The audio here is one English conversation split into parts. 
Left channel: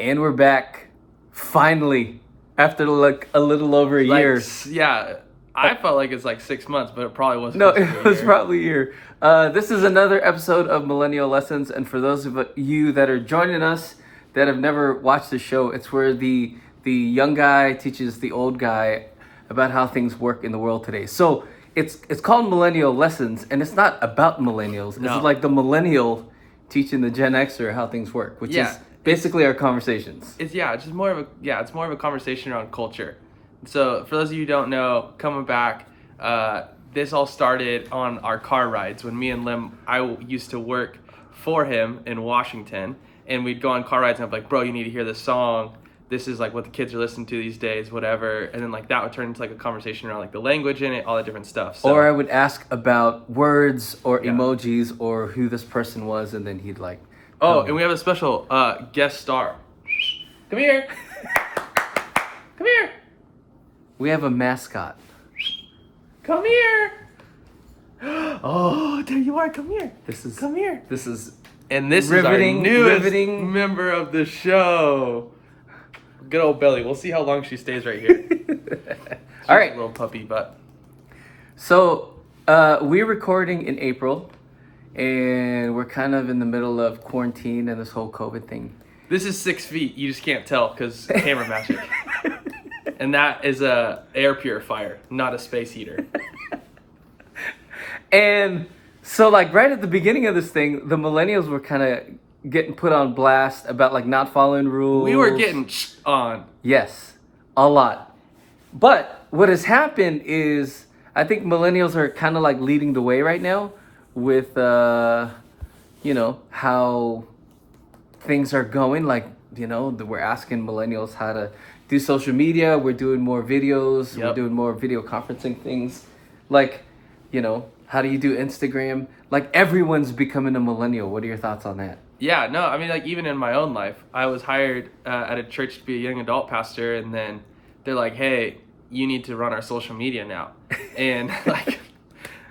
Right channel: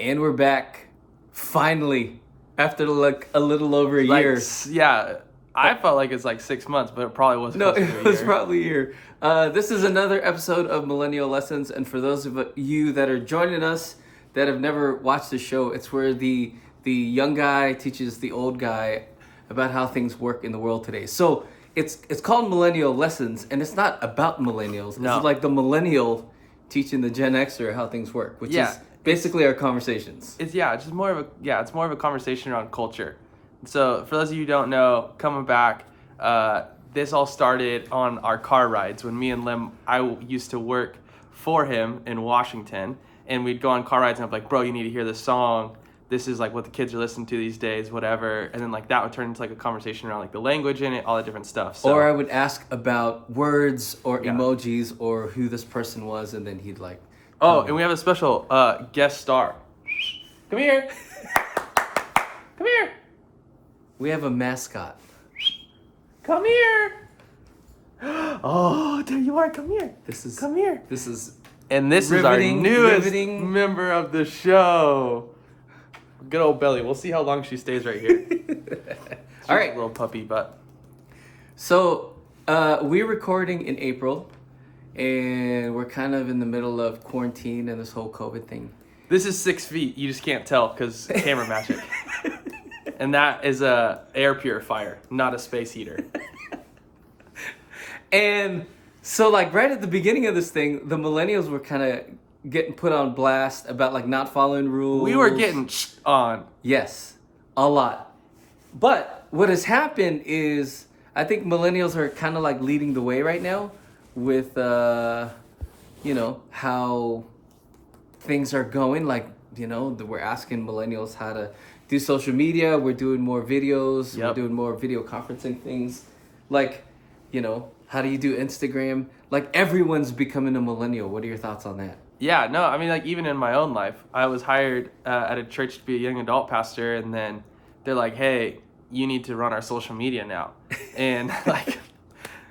And we're back, finally, after like a little over a year. Yeah, I felt like it's like 6 months, but it probably wasn't. No, it was probably a year. This is another episode of Millennial Lessons, and for those of you that are joining us that have never watched the show, it's where the young guy teaches the old guy about how things work in the world today. So it's called Millennial Lessons, and it's not about millennials. No. It's like the millennial teaching the Gen Xer how things work, which Yeah. is basically our conversations. It's more of a conversation around culture. So for those of you who don't know, coming back, this all started on our car rides when me and Lim. I used to work for him in Washington, and we'd go on car rides, and I'm like, bro, you need to hear this song. This is like what the kids are listening to these days, whatever. And then like that would turn into like a conversation around like the language in it, all the different stuff. So, Or I would ask about words or emojis or who this person was, and then he'd like. Oh, and we have a special guest star. Come here. Come here. We have a mascot. Come here. Oh, there you are. Come here. Come here. This is And this Riveting, is our newest riveting. member of the show. Good old Belly. We'll see how long she stays right here. She's All right. a little puppy, but So we're recording in April, and we're kind of in the middle of quarantine and this whole COVID thing. this is 6 feet. You just can't tell because camera magic. And that is a air purifier, not a space heater. And so like right at the beginning of this thing, the millennials were kind of getting put on blast about like not following rules. We were getting on. Yes, a lot. But what has happened is I think millennials are kind of like leading the way right now with, how things are going. Like, we're asking millennials how to do social media. We're doing more videos. We're Yep. doing more video conferencing things. Like, how do you do Instagram? Like everyone's becoming a millennial. What are your thoughts on that? Yeah, no, I mean, like, even in my own life, I was hired at a church to be a young adult pastor, and then they're like, hey, you need to run our social media now. And, like,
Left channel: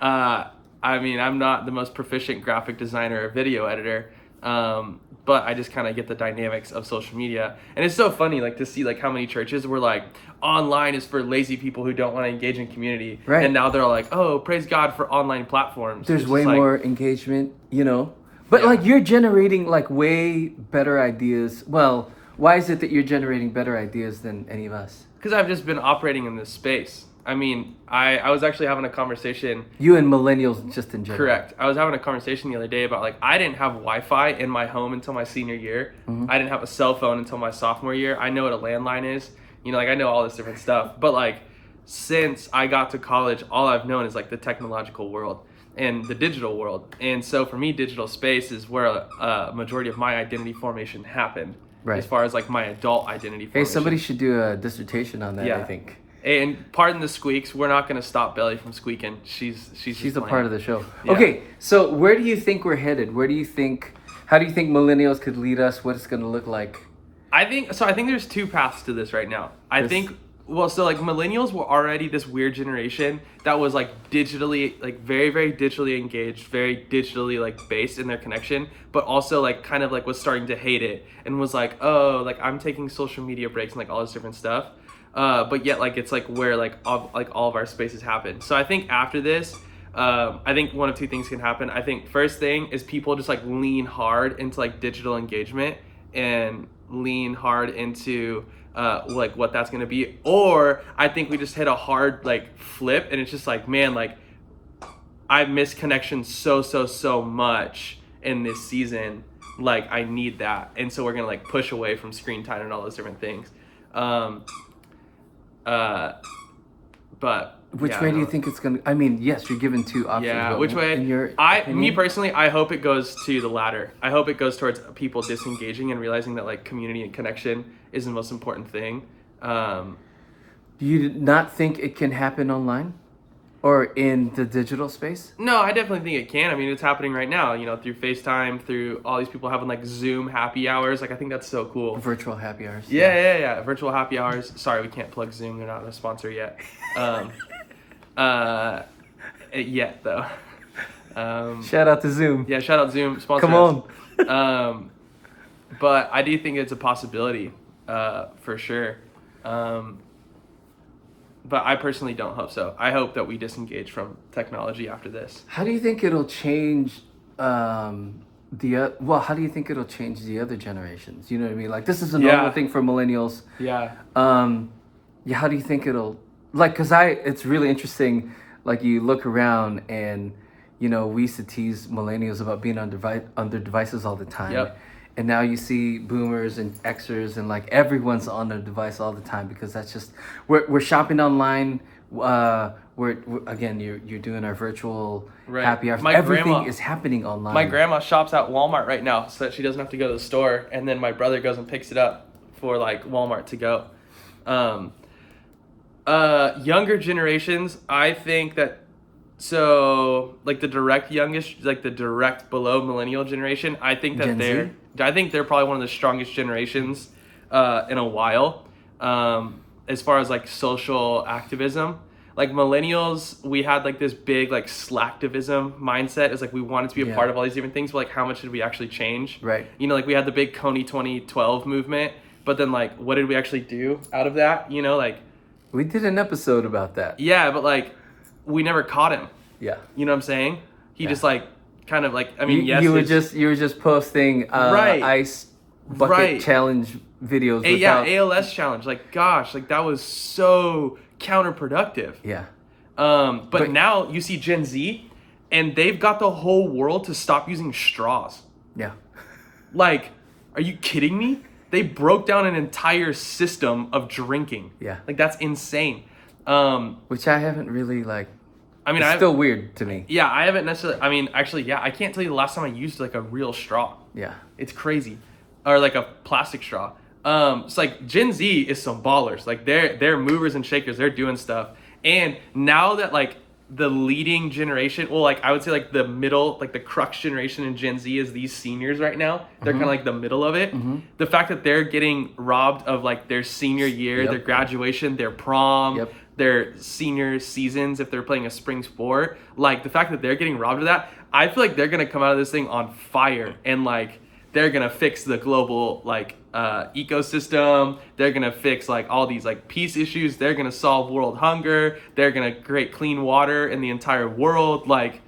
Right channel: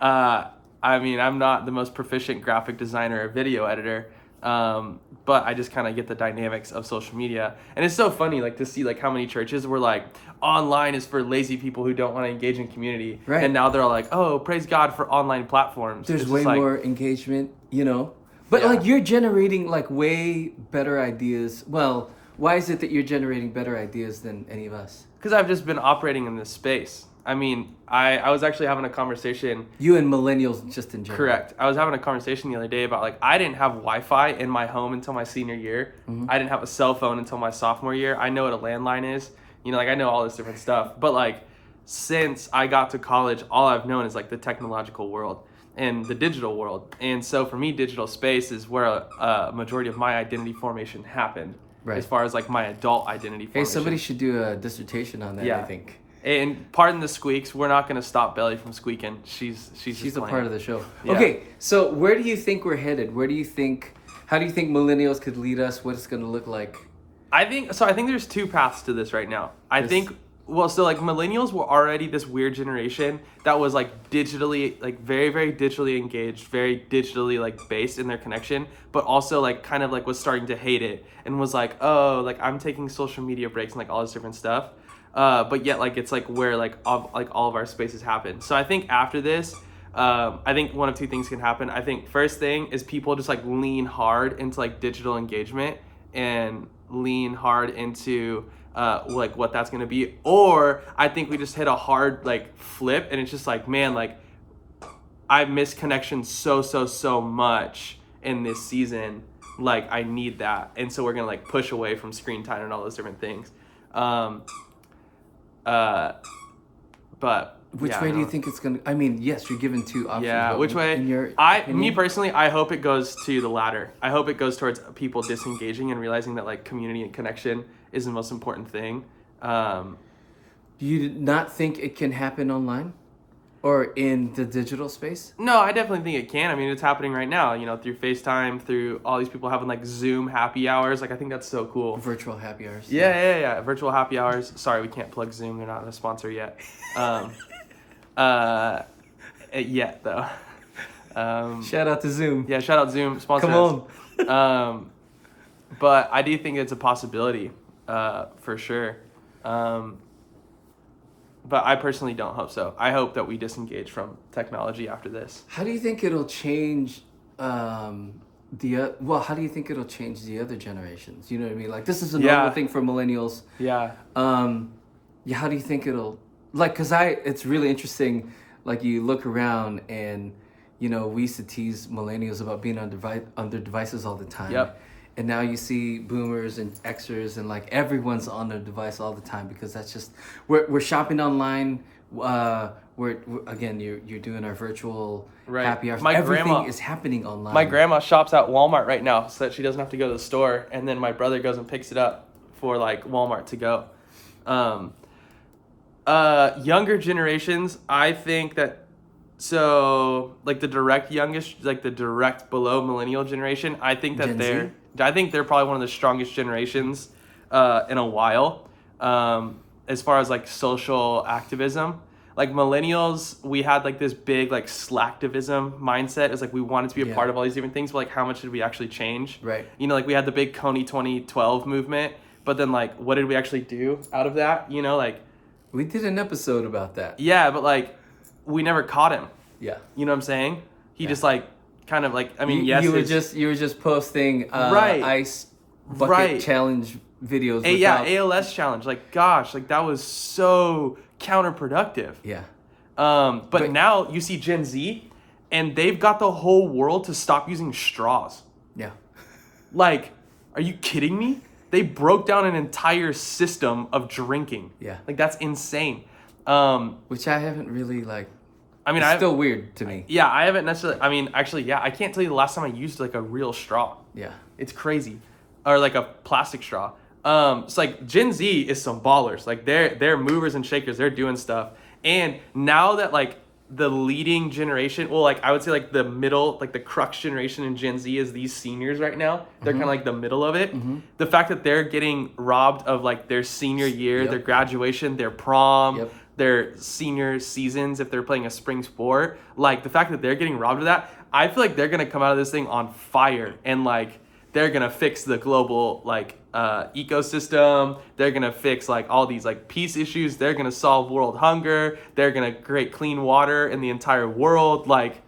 I mean, I'm not the most proficient graphic designer or video editor, but I just kind of get the dynamics of social media. And it's so funny, like, to see, like, how many churches were like, online is for lazy people who don't want to engage in community. Right. And now they're all like, oh, praise God for online platforms. There's It's way just like, more engagement, But Yeah. like you're generating like way better ideas. Well, why is it that you're generating better ideas than any of us? because I've just been operating in this space. I mean, I was actually having a conversation. You and millennials just in general. Correct. I was having a conversation the other day about like I didn't have Wi-Fi in my home until my senior year. I didn't have a cell phone until my sophomore year. I know what a landline is. I know all this different stuff. But like since I got to college, all I've known is like the technological world and the digital world. And so for me, digital space is where a majority of my identity formation happened. Right. As far as like my adult identity formation. Hey, somebody should do a dissertation on that, Yeah. I think. And pardon the squeaks. We're not going to stop Belly from squeaking. She's a part of the show. Yeah. Okay, so where do you think we're headed? How do you think millennials could lead us? What it's going to look like? I think there's two paths to this right now. So like millennials were already this weird generation that was like digitally, like very, very digitally engaged, very digitally like based in their connection, but also like kind of like was starting to hate it and was like, oh, like I'm taking social media breaks and like all this different stuff. But yet like it's like where like all of our spaces happen. So I think after this, I think one of two things can happen. I think first thing is people just like lean hard into like digital engagement and lean hard into like what that's gonna be, or I think we just hit a hard like flip and it's just like, man, like I miss connection so much in this season, like I need that, and so we're gonna like push away from screen time and all those different things. But Which yeah, way do you no. think it's going to... I mean, yes, you're given two options. Yeah, but which way? In your Me opinion? personally, I hope it goes to the latter. I hope it goes towards people disengaging and realizing that like community and connection is the most important thing. Do you not think it can happen online? Or in the digital space? No, I definitely think it can. I mean, it's happening right now, through FaceTime, through all these people having like Zoom happy hours. Like, I think that's so cool. Virtual happy hours. Yeah. Virtual happy hours. Sorry, we can't plug Zoom. They're not a sponsor yet. Yet though. Shout out to Zoom. Yeah, shout out Zoom sponsor. Come on. but I do think it's a possibility, for sure. But I personally don't hope so. I hope that we disengage from technology after this. How do you think it'll change how do you think it'll change the other generations? You know what I mean? Like, this is a normal Yeah. thing for millennials. Yeah. Yeah, how do you think it'll, like, it's really interesting, like, you look around and, you know, we used to tease millennials about being on their devices all the time. Yep. And now you see boomers and Xers and, like, everyone's on their device all the time, because that's just, we're shopping online. We're again, you're doing our virtual Right. happy hours. My Everything grandma- is happening online. My grandma shops at Walmart right now so that she doesn't have to go to the store, and then my brother goes and picks it up for like Walmart to go. Younger generations, I think that, so like the direct youngest, like the direct below millennial generation, I think that Gen Z? I think they're probably one of the strongest generations in a while, as far as like social activism. Like millennials, we had like this big like slacktivism mindset. It's like we wanted to be a Yeah. part of all these different things, but like how much did we actually change? Right. You know, like we had the big Coney 2012 movement, but then like what did we actually do out of that? You know, like, We did an episode about that. yeah, but like we never caught him. Yeah. You know what I'm saying? He Yeah. just like kind of like, I mean, yes, you were his- just posting Right. ice bucket Right. challenge videos yeah, without ALS challenge. Like, gosh, like that was so counterproductive. yeah. But now you see Gen Z, and they've got the whole world to stop using straws. Yeah. Like, are you kidding me? They broke down an entire system of drinking. Yeah. Like that's insane. Which I haven't really like. I mean, It's still weird to me. yeah, I haven't necessarily. I mean, actually, yeah, I can't tell you the last time I used like a real straw. Yeah. It's crazy, or like a plastic straw. It's like Gen Z is some ballers. Like they're movers and shakers. They're doing stuff. And now that like the leading generation, well, like I would say like the middle, like the crux generation in Gen Z is these seniors right now. They're kind of like the middle of it. The fact that they're getting robbed of like their senior year, Yep. their graduation, their prom, Yep. their senior seasons if they're playing a spring sport, like the fact that they're getting robbed of that, I feel like they're gonna come out of this thing on fire, and like they're gonna fix the global like ecosystem. They're gonna fix like all these like peace issues. They're gonna solve world hunger. They're gonna create clean water in the entire world. Like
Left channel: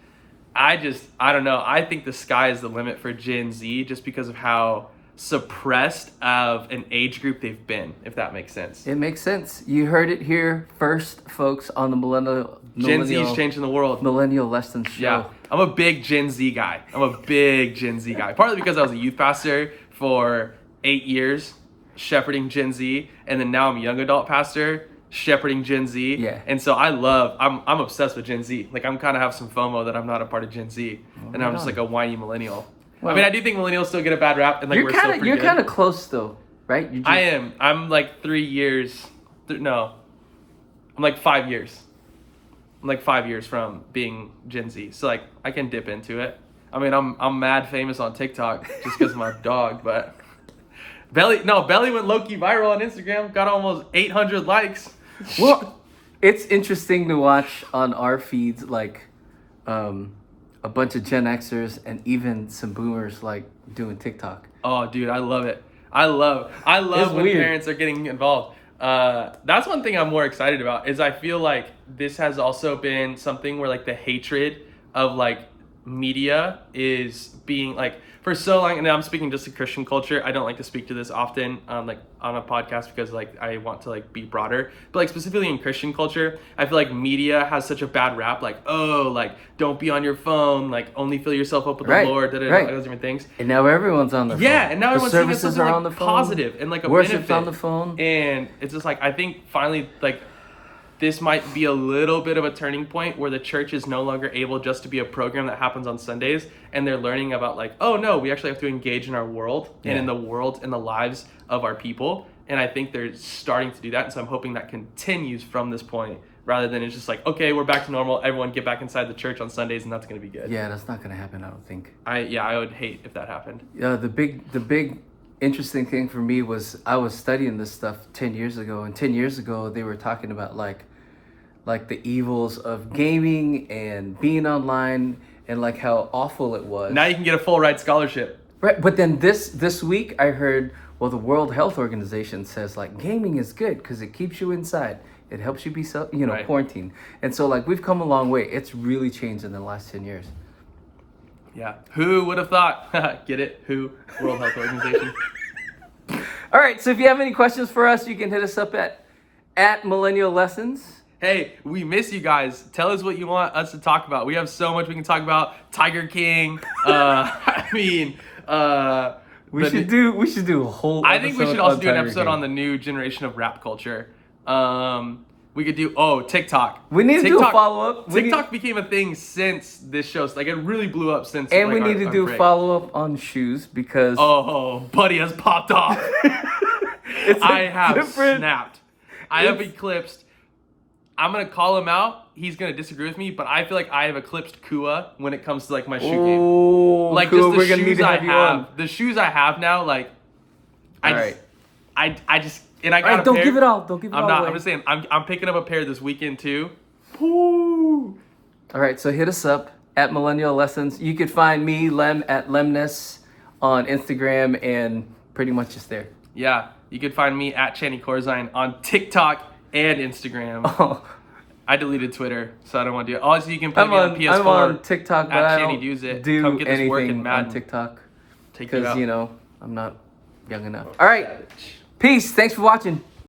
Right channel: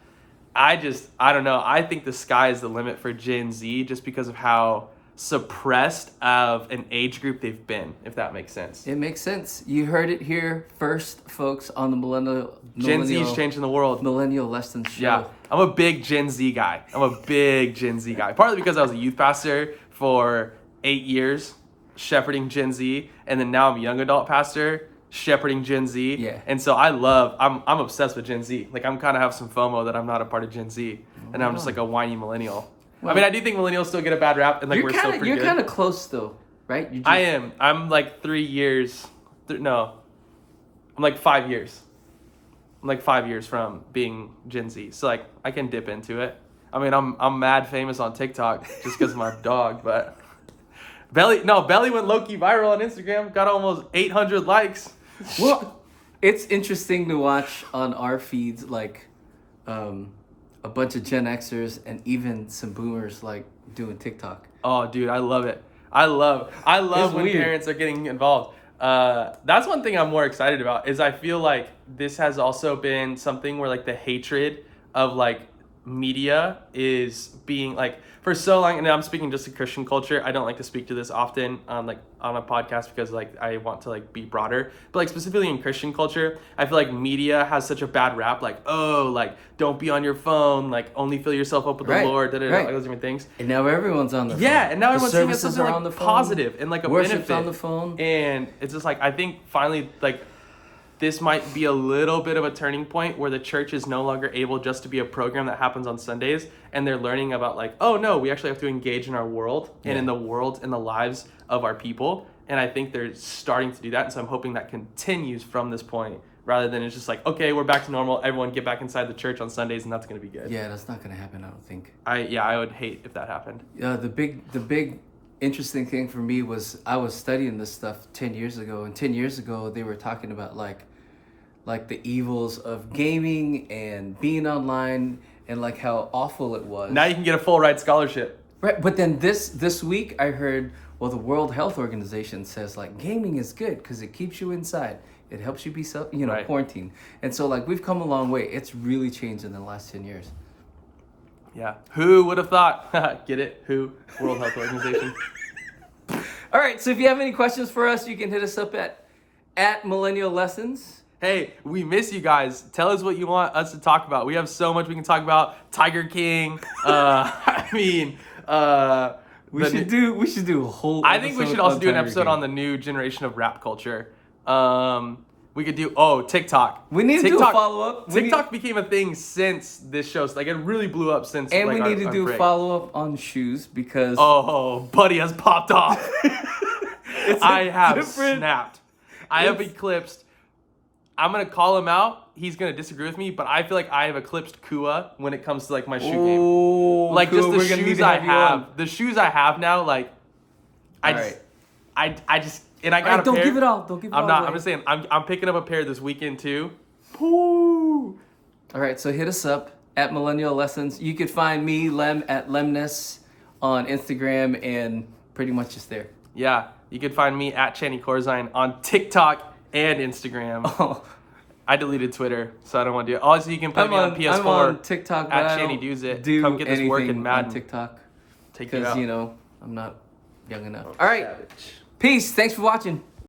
I don't know. I think the sky is the limit for Gen Z just because of how suppressed of an age group they've been, if that makes sense. It makes sense. You heard it here first, folks, on the Gen Z is changing the world. Millennial Lessons show. Yeah, I'm a big Gen Z guy. Partly because I was a youth pastor for 8 years, shepherding Gen Z, and then now I'm a young adult pastor, shepherding Gen Z. Yeah. And so I'm obsessed with Gen Z. Like I'm kind of have some FOMO that I'm not a part of Gen Z, and I'm just like a whiny millennial. Well- I mean, I do think millennials still get a bad rap, and like we're still pretty You're good. kind of close though, right? You just, I am. I'm like 3 years. No, I'm like 5 years. I'm like 5 years from being Gen Z, so like I can dip into it. I mean, I'm mad famous on TikTok just because of my dog, but Belly went low key viral on Instagram. Got almost 800 likes. Well, it's interesting to watch on our feeds, like a bunch of Gen Xers and even some boomers like doing TikTok. Oh, dude, I love it. I love It's when weird. parents are getting involved. That's one thing I'm more excited about is I feel like this has also been something where like the hatred of like media is being like for so long, and I'm speaking just to Christian culture. I don't like to speak to this often like on a podcast because like I want to like be broader, but like specifically in Christian culture, I feel like media has such a bad rap. Like, oh, like don't be on your phone, like only fill yourself up with Right, the Lord, right. those different things. And now everyone's on their phone. Yeah, and now the everyone's seeing it as services something, are like, on the phone. positive and like a Worship's benefit. on the phone. And it's just like I think finally like this might be a little bit of a turning point where the church is no longer able just to be a program that happens on Sundays, and they're learning about like, oh no, we actually have to engage in our world and in Yeah. the world and the lives of our people. And I think they're starting to do that, and so I'm hoping that continues from this point rather than it's just like, okay, we're back to normal, everyone get back inside the church on Sundays, and that's going to be good. Yeah, that's not gonna happen. I don't think. I would hate if that happened. The big interesting thing for me was I was studying this stuff 10 years ago, and 10 years ago they were talking about like the evils of gaming and being online and like how awful it was. Now you can get a full ride scholarship. Right, but then this week I heard, well, the World Health Organization says like gaming is good because it keeps you inside. It helps you be Right. quarantined. And so like we've come a long way. It's really changed in the last 10 years. Yeah. Who would have thought? Get it? Who? World Health Organization. All right, so if you have any questions for us, you can hit us up at Millennial Lessons. Hey, we miss you guys. Tell us what you want us to talk about. We have so much we can talk about. Tiger King. I mean, We should do a whole I think we should also do an episode on the new generation of rap culture. We could do TikTok. We need to do a follow-up. TikTok became a thing since this show. So, like it really blew up since. And like, we need to do a break. follow-up on shoes because Oh, buddy has popped off. I have different- snapped. I have eclipsed. I'm gonna call him out. He's gonna disagree with me, but I feel like I have eclipsed Kua when it comes to like my shoe game. Oh, Like cool. just the We're gonna shoes need to have I you have, on. the shoes I have now, like I All just, right. I just and I got All right, a don't pair. give it all. Don't give it I'm all not. away. I'm just saying. I'm picking up a pair this weekend too. Woo. All right, so hit us up at Millennial Lessons. You could find me, Lem, at Lemness on Instagram and pretty much just there. Yeah, you can find me at Channy Corzine on TikTok and Instagram. Oh, I deleted Twitter, so I don't want to do it. Also, you can put I'm me on on PS4. I'm on TikTok, but at I Channy don't Does It. Come do get this work in anything on Madden. TikTok Take you because out. I'm not young enough. All right, Savage. peace. Thanks for watching.